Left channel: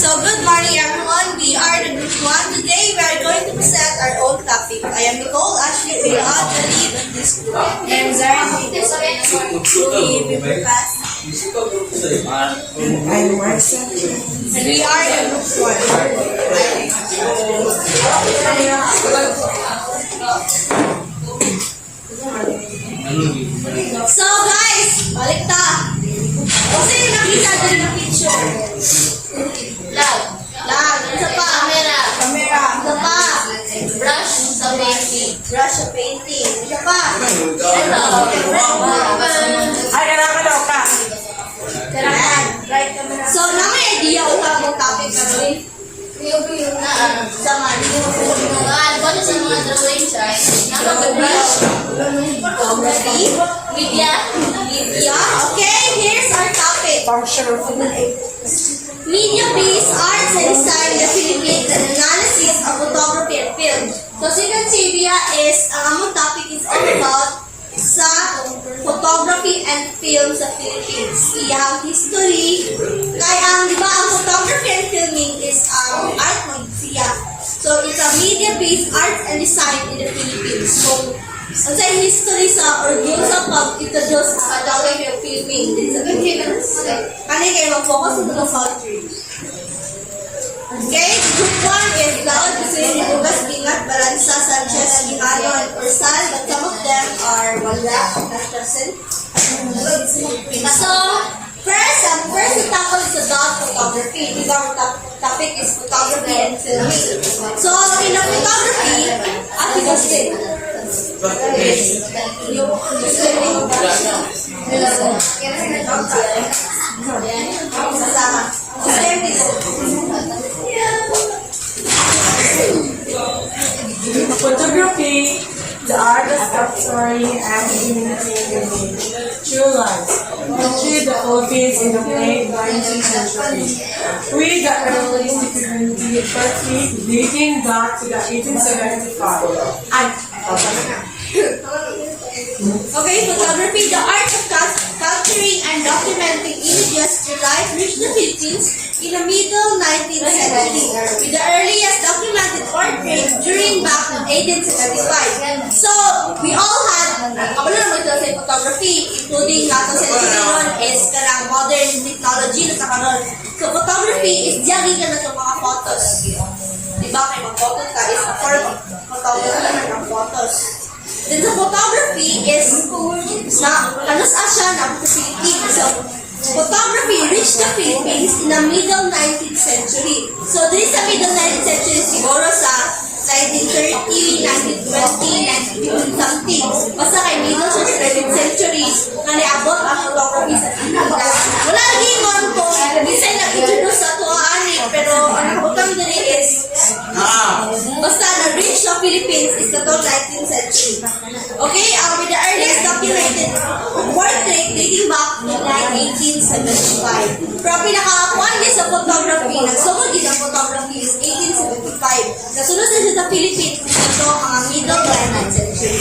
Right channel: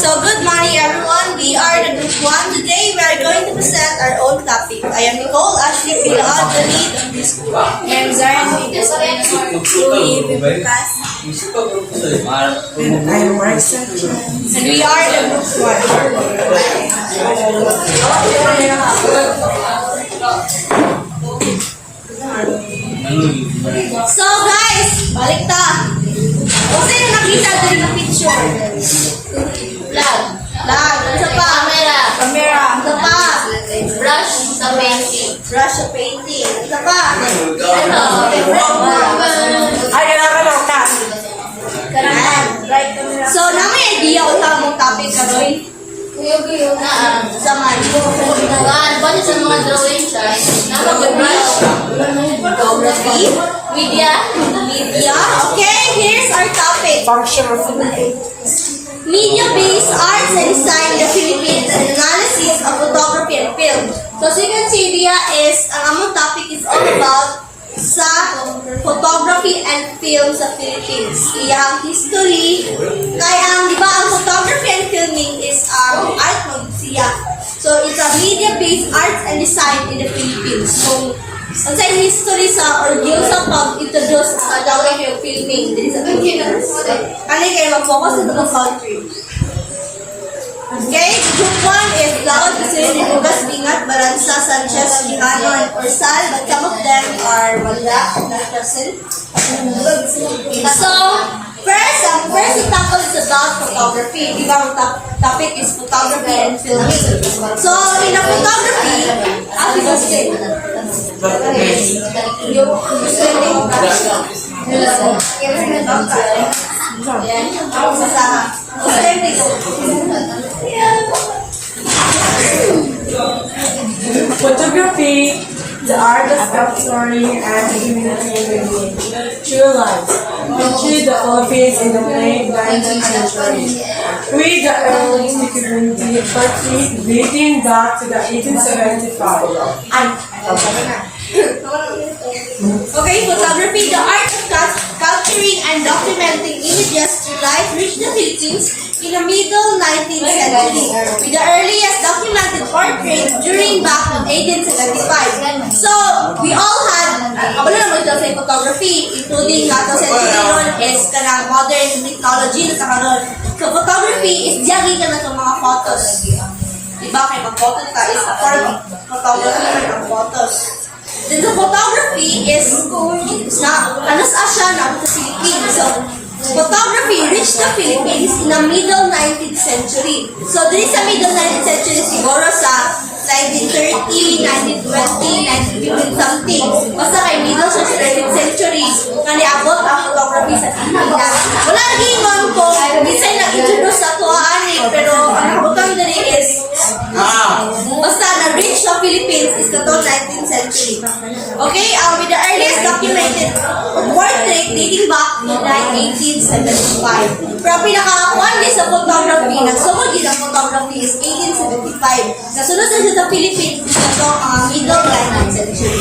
So good morning everyone. We are the group 1. Today we are going to present our own topic. I am Nicole Ashley Pilaad, the lead of this group. I am Zarin Lucas. And I'm Marcel. And we are the group 1. So guys, balik ta. Kung sino nakita din ng picture? Lag. Isa pa. Camera. Isa pa. Brush sa painting. Brush sa painting. Isa pa. Ay, nakakalaw ka. Kanan. So, na may idea kung saan mong topic karoon? Sa man. Balik sa mga drawing siya. Photography. Media. Okay, here's our topic. Functional. Media-based arts and design in the Philippines and analysis of photography and film. So, as you can see, Dia is, ang among topic is all about sa photography and film sa Philippines. Iyang history. Kaya di ba, ang photography and filming is art magsiya. So, it's a media-based arts and design in the Philippines. So, ang sa history sa or yung sa pag-introduce sa photography and filming din sa Philippines. Kani kayo mag-focus sa mga country. Okay, group 1 is Laod, Cusirin, Lucas, Bingat, Baranza, Sanchez, Quijano, and Orsal, but some of them are wala, not present. So, first to tackle is about photography. Di ba ang topic is photography and filming. So, in a photography, ati kasi, yung filming of Photography, the art of capturing and communicating true life, especially the Philippines in the late 19th century. We got early photography dating back to the 1875. Okay, photography, the art of capturing and documenting images to life reached the Philippines in the middle 19th century, with the earliest documented portrait during back to 1875. So, we all had, kabalo naman ito sa photography, including nga ito sa ron is kanang modern technology na sa karon. So, photography is diyagi ka na sa mga photos. Diba, kay mag-photo ka is a form of photography na ng photos. Then the photography is ano sa siya na sa Philippines. So, photography reached the Philippines in the middle 19th century. So, dito sa middle 19th century siguro sa 1930, 1920, 1950 something. Basta kay middle sa 19th century na niabot ang photography sa Pilipinas. Wala nang ingon ko, minsan nag-introduce sa tuwaan pero ang nakabutang dali is basta na-reach sa Philippines is the 19th century. Okay, with the earliest documented portrait dating back to 1875. Pero pinakakuan din sa photography, nagsugod din ang photography is 1875. Nasunod na siya sa Philippines dito ang middle 19th century.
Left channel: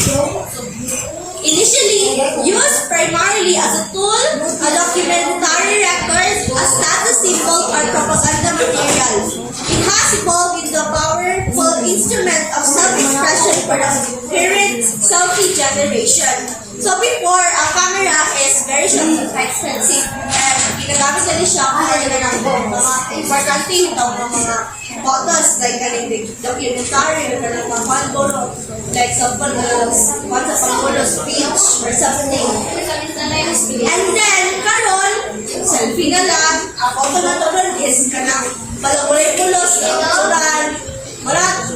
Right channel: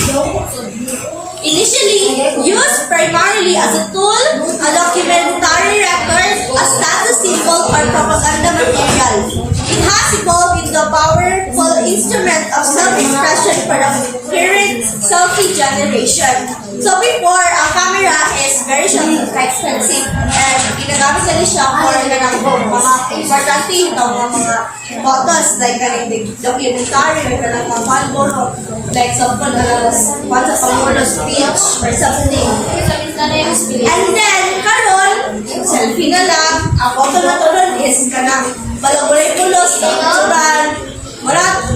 Initially used primarily as a tool, a documentary record, a status symbol, or propaganda material. It has evolved into a powerful instrument of self-expression for the current selfie generation. So before, ang camera is very expensive and ginagamit nila siya for mga importante mga photos like kaning documentary or kanang mga palboro like example once a Pangulo speech or something. And then karon selfie na lang ang photo na to ron is kanang balagulay pulos natural wala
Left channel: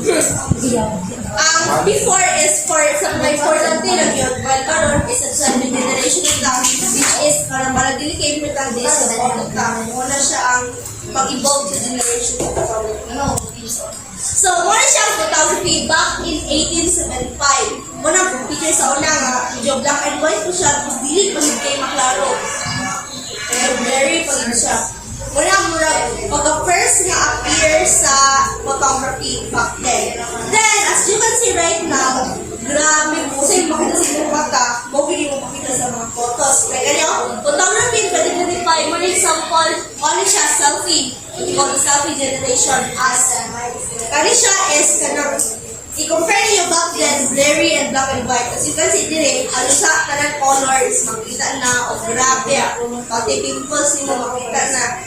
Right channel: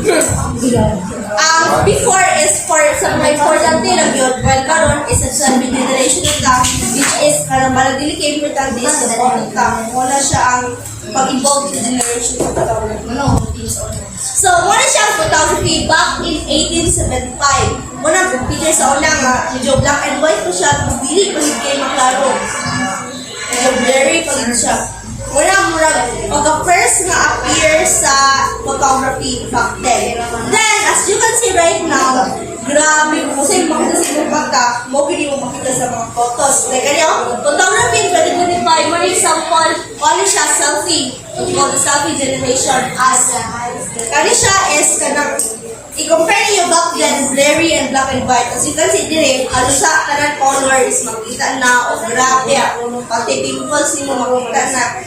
before is for sa mga importante lang yun while karon is sa generation na which is karang malagili kay importante is sa photo ta wala siya ang pag-evolve sa generation na photography. So, muna siya ang photography back in 1875. Muna picture sa una nga, medyo black and white po siya, tapos dili pagid kay maklaro. Medyo blurry pagid siya. Muna, pagka-first nga appear sa photography back then. Then, as as you can see right now, grabe po sa makita sa inyong mata, mo hindi mo makita sa mga photos. Like, photography in 2025, one example, kani siya selfie. What you call the selfie generation as kani siya is kanang i-compare niyo back then, blurry and black and white. As you can see dire, halos sa kanang color is makita na, o grabe, pati pimples niyo makita na.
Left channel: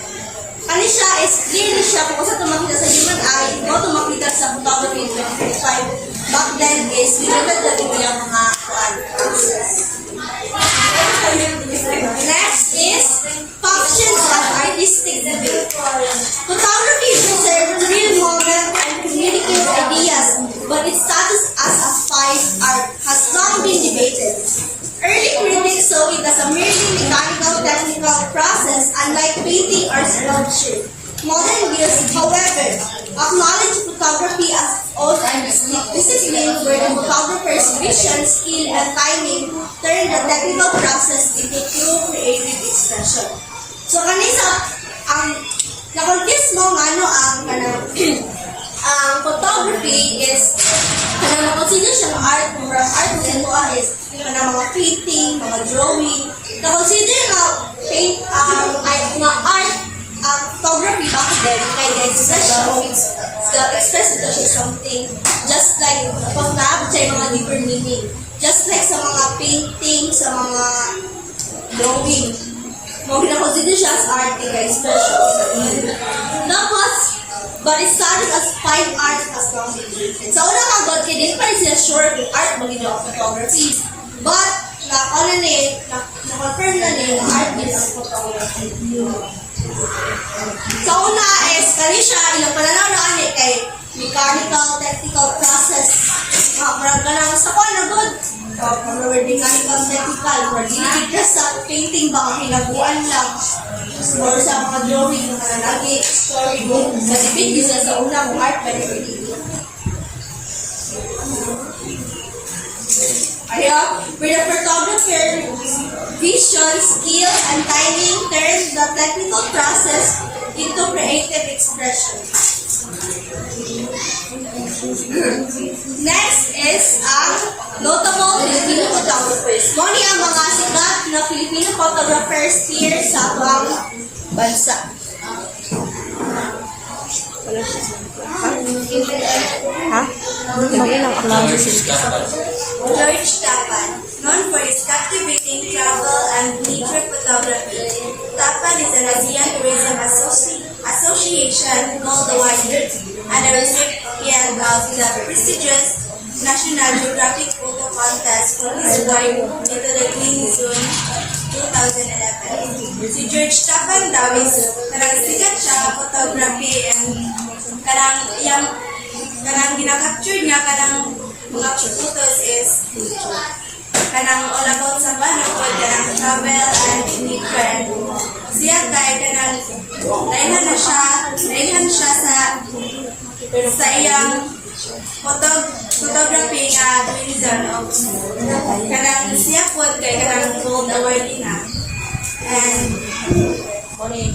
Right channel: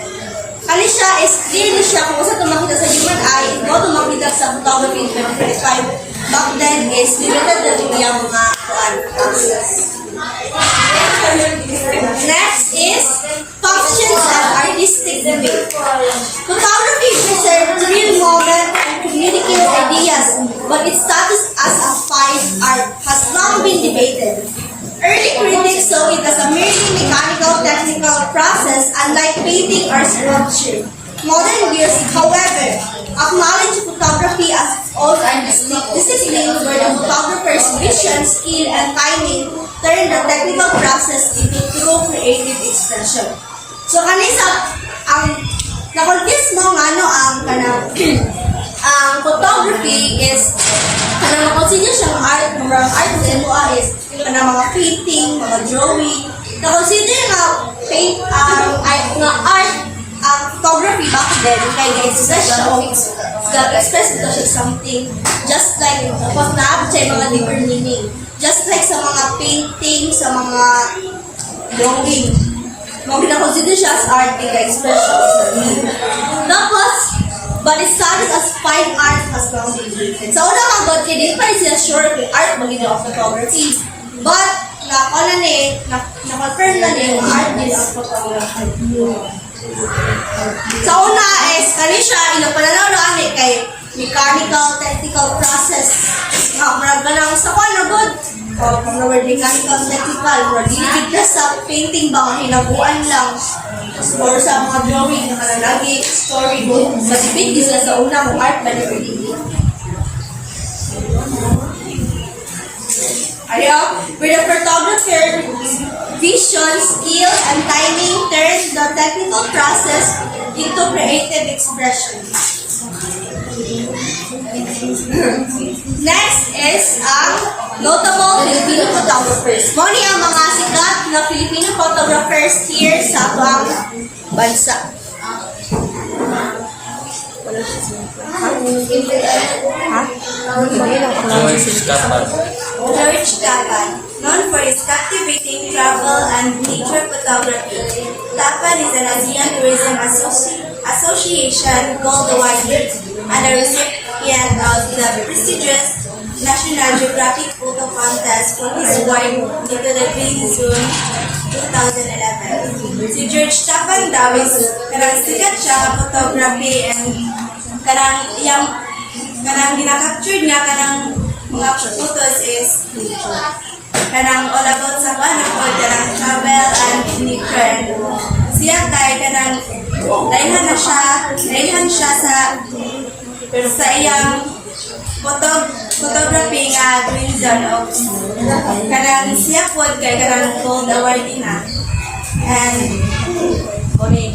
Kani siya is clearly siya kung saan makita sa human eye, mo makita sa photography in 2025. Back then is limited na ito yung mga access. Next is functions and artistic debate. Photography preserves the real moment and communicates ideas, but its status as a fine art has long been debated. Early critics saw it as a merely mechanical technical process, unlike painting or sculpture. Modern views, however, acknowledge photography as its own artistic discipline where the photographer's vision, skill, and timing turn the technical process into true creative expression. So, kanisa, na-confuse mo nga no, ang photography is kanang makonsider siyang art, mga art mo sa mua is kanang mga painting, mga drawing. Na-consider nga paint, nga art, photography back then, kaya express ito siya something just like pag naabot siya yung mga deeper meaning. Just like sa mga painting, sa mga drawing. Mga gina-consider siya as art, kaya expression. Tapos, but it started as fine art as long as it. Sa una mga god, kaya din pa rin sila sure kung art magiging of photography. But, na-confirm na yung art is photography. Sa una is, kani siya, ilang pananaw na kay mechanical, technical process. Marag ka lang sa kwan na good. From the word mechanical, technical, marag diligid sa painting ba, mga hinaguan lang. Or sa mga drawing, na kanalagi, storybook. Kasi pindi sila sa una kung art ba ni Erdili. Where the photographer vision, skill, and timing turns the technical process into creative expression. Next is ang notable Filipino photographers. Moni ang mga sikat na Filipino photographers here sa ating bansa. George Tapan, known for his captivating travel and nature photography. Tapan is an ASEAN Tourism Association Gold Award and a recipient of the prestigious National Geographic Photo Contest for his work into the Green Zone 2011. Si George Tapan daw is karang sikat siya photography and karang ginakapture niya karang mga photos is kanang all about sa kanang kanang travel and nature. Siya kay kanang dailhan siya sa iyang photography nga Green Zone of kanang siya po kay kanang gold award na. And mo rin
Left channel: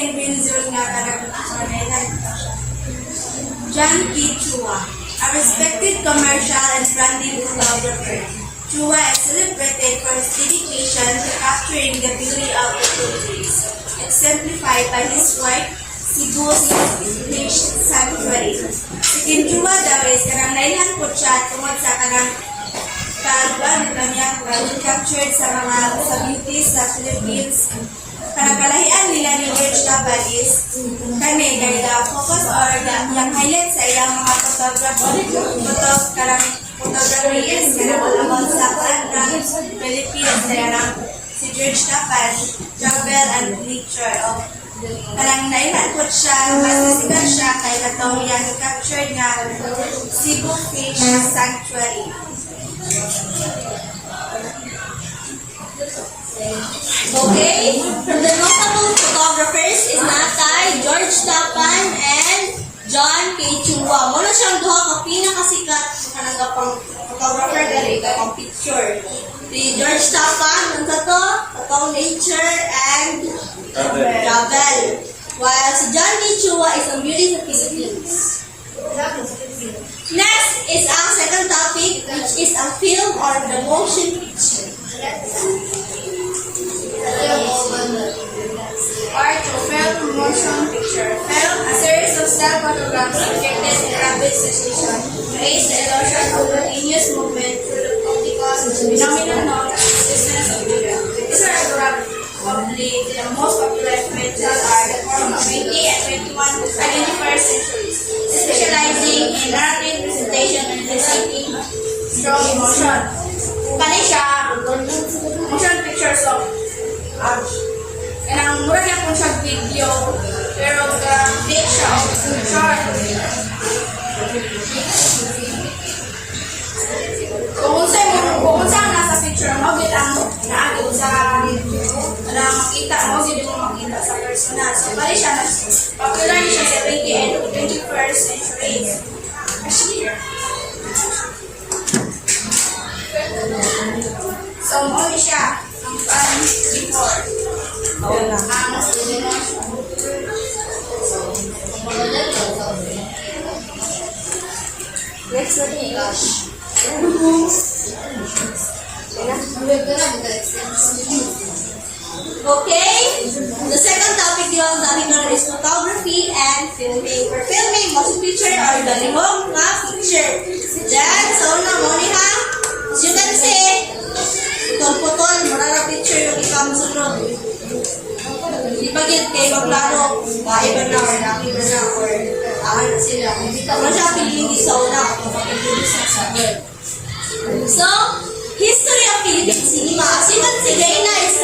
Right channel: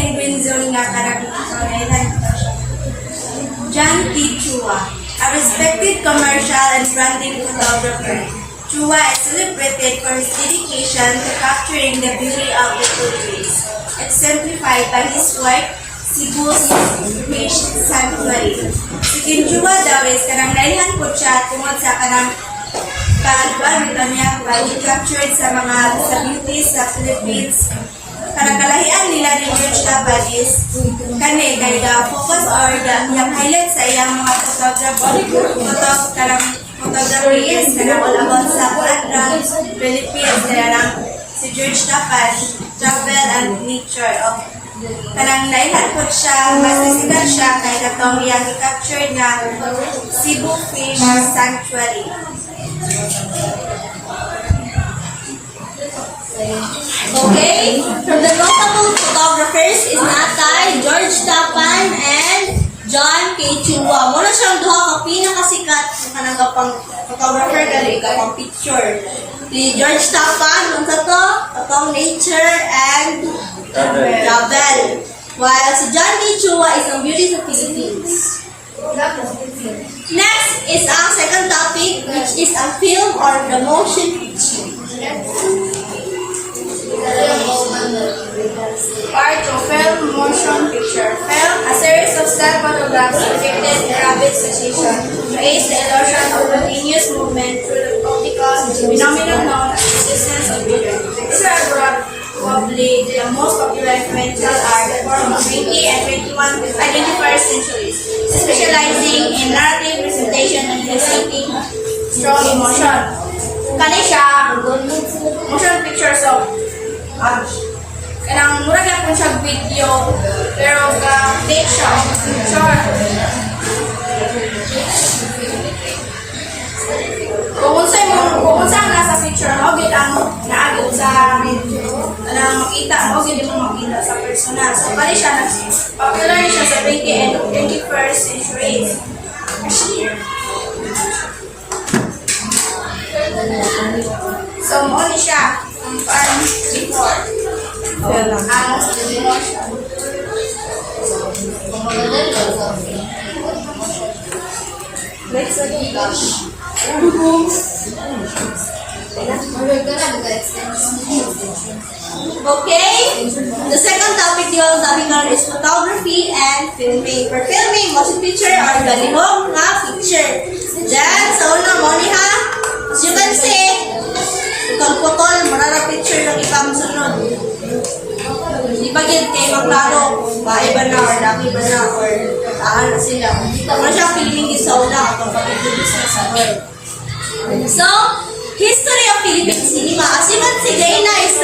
ang Green Zone nga kanang dailhan siya. John P. Chua, a respected commercial and branding photographer. Chua is celebrated for his dedication to capturing the beauty of the Philippines, exemplified by his work, Cebu's Fish Sanctuary. Si Kim Chua daw is kanang naihan po siya tungod sa kanang pag-captured sa mga sa beauties sa Philippines. Karang kalahian nila ni George Tapan is kani kay focus or yung highlight sa iyang mga photography is kanang all about sa Kuanrang Philippines kaya si George Tapan travel and nature of kanang nailan po siya masisikat siya kay katong iyang i-capture nga Cebu Fish Sanctuary. Okay, from the notable photographers is Natay, George Tapan, and John K. Chua. Muna siyang duha ka pinakasikat na kanang photographer gali kapang picture. Si George Tapan, ang katong nature and travel. While si John K. Chua is ang beauty sa Philippines. Next is ang second topic, which is ang film or the motion picture. Part of film motion picture. Film, a series of still photographs projected in rapid succession to aid the illusion of continuous movement through the optical phenomenon known as resistance of vision. These are probably the most popular experimental art form of 20 and 21st centuries, specializing in narrative presentation and eliciting strong emotion. Kani siya, motion pictures of kanang murag na kung siya video pero ka-take siya short. Kung unsa ang nasa picture mo gid ang naagid sa kanang makita mo gid mo makita sa personal. So pali siya popular siya sa 20 and 21st centuries. So mo ni siya ang fan before. Ang emotion. Next Okay? The second topic yung topic naman is photography and filming. For filming, motion picture or galihong nga picture. Then, sa una mo ni ha, as you can see, itong putol, marara picture ng ikang sunod. Di ba yun kayo magklaro, bae ba na, or laki ba na, or saan na sila. Ano siyang filming di sa una, itong pag-introduce na sa world. So, history of Philippine cinema. As you can see, gayon na is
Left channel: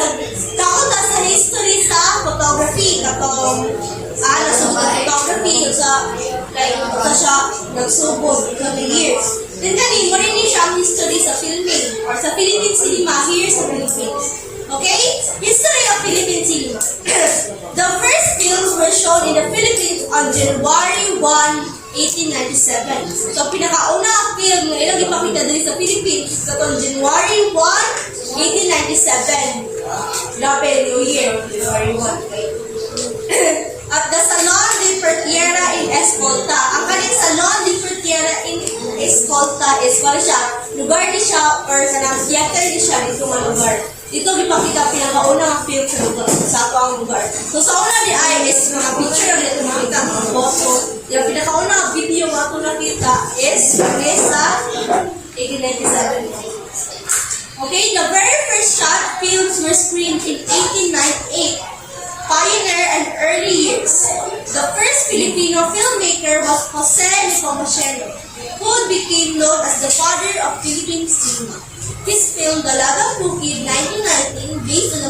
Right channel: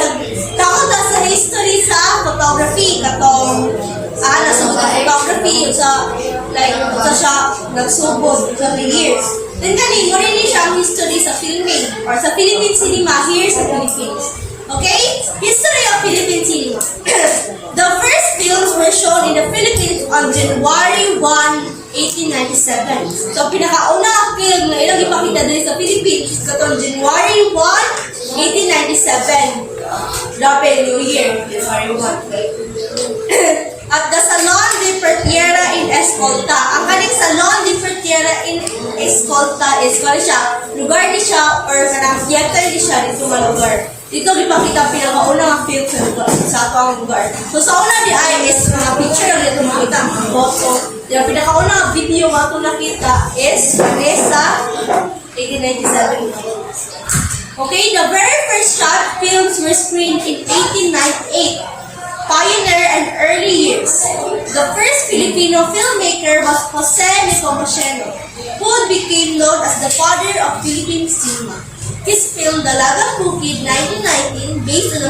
takot na sa history sa photography. Katong, nasubod ang photography sa, like, sa siya nagsubod sa the years. Then ganin, mo rin siya ang history sa filming or sa Philippine cinema here sa Philippines. Okay? History of Philippine cinema. The first films were shown in the Philippines on January 1, 1897. So, pinakauna ang film na ilang ipakita din sa Philippines katong January 1, 1897. Grabe, New Year, January 1. At the Salon de Fertiera in Escolta. Ang kaning Salon de Fertiera in Escolta is kaya siya, lugar di siya or kanang theater di siya dito mga lugar. Dito ipakita ang pinakauna ang film sa ato ang lugar. So sa una di ay is mga picture lang dito makita ang photo. Yung pinakauna ang video nga ito nakita is kani sa 1897. Okay, the very first short films were screened in 1898. Pioneer and early years. The first Filipino filmmaker was Jose Nepomuceno, who became known as the father of Philippine cinema. His film, Dalagang Bukid, 1919, based on